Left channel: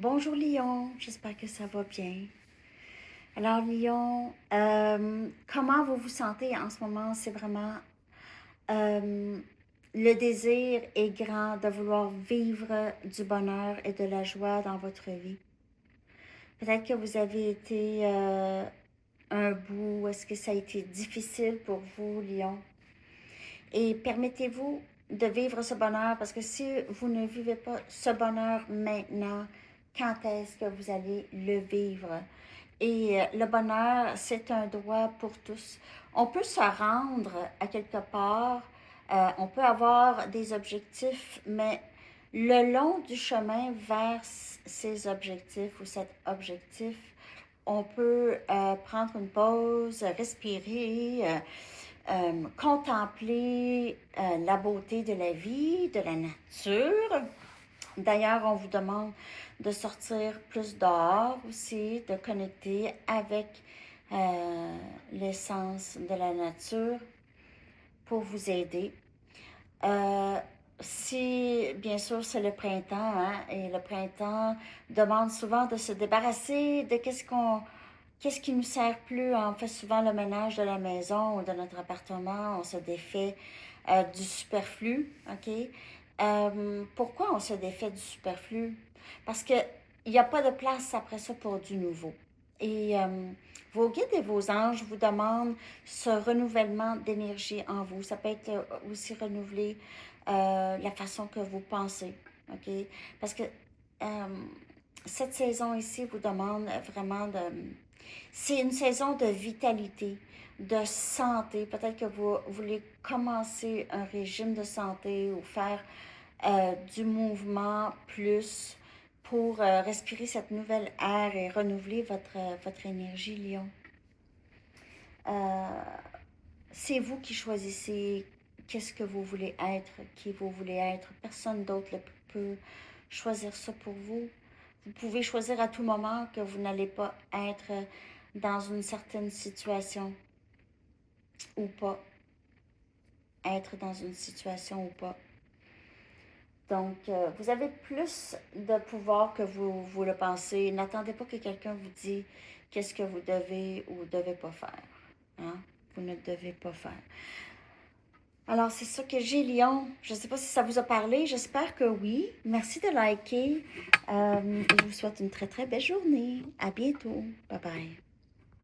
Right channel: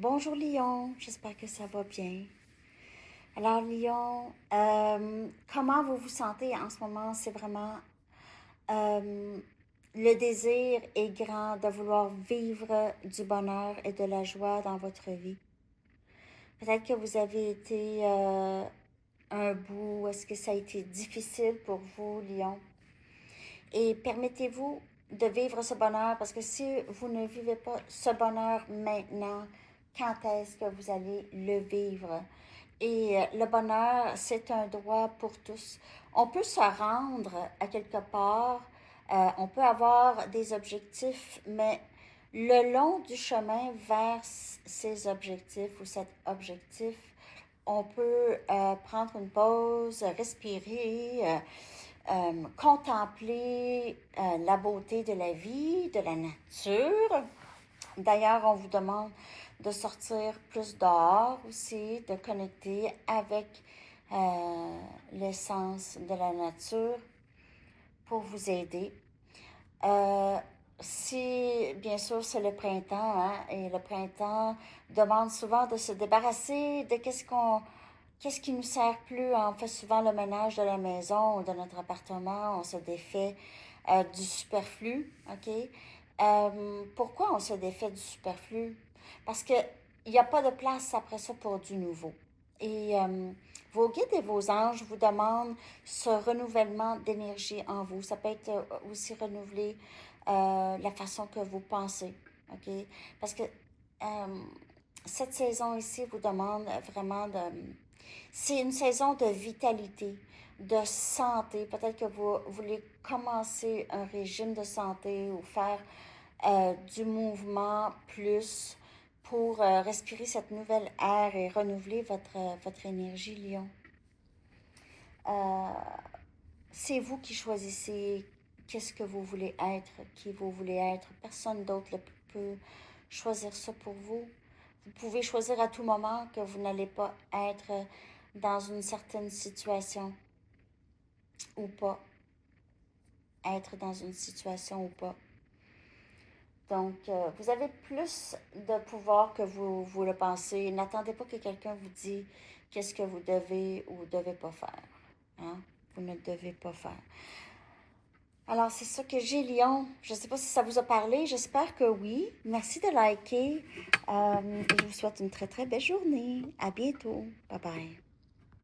Bonjour Lion, j'espère que ça va bien. Alors Lion, comment vous vous sentez en ce moment? C'est vraiment euh, le désir est grand de vouloir vivre du bonheur et de la joie dans votre vie. Peut-être que vous avez été un bout, est-ce que ça a été difficile pour vous, Lion? Et permettez-vous de vivre ce bonheur parce que si vous ne vivez pas ce bonheur maintenant, quand est-ce que vous allez le vivre? Et le bonheur, c'est un droit pour tous. On peut se rendre à quelque part, on peut avoir des objectifs, mais le long du chemin vers ces objectifs ou cet objectif, on peut prendre une pause, respirer, contempler la beauté de la vie, de la nature. D'ailleurs, on vous demande de sortir plus dehors aussi, de connecter avec l'essence de la nature pour vous aider. Si, bien sûr, c'est le printemps, hein, et le printemps demande souvent de se débarrasser de qu'est-ce qui nous sert plus. On fait souvent le ménage de la maison ou de notre appartement, on se défait du superflu, ok? Pourquoi on se défait du superflu? Parce qu'il n'y a pas de place après ça pour du nouveau. Et vos guides et vos anges vous demandent ce renouvellement d'énergie en vous. Ça peut être aussi renouveler la façon que vous pensez, ok? Parce que cette saison ici vous demande vraiment de... C'est une saison de vitalité, de santé. Peut-être que vous voulez commencer un régime de santé ou faire du mouvement plus pour respirer cette nouvelle air et renouveler votre énergie, Lion. Euh, c'est vous qui choisissez qu'est-ce que vous voulez être, qui vous voulez être. Personne d'autre ne peut choisir ça pour vous. Vous pouvez choisir à tout moment que vous n'allez pas être dans une certaine situation ou pas. Être dans une situation ou pas. Donc, vous avez plus de pouvoir que vous le pensez. N'attendez pas que quelqu'un vous dise qu'est-ce que vous devez ou devez pas faire. Hein? Vous ne devez pas faire. Alors, c'est ça que j'ai, Lyon. Je ne sais pas si ça vous a parlé. J'espère que oui. Merci de liker. Je vous souhaite une très, très belle journée. À bientôt. Bye bye.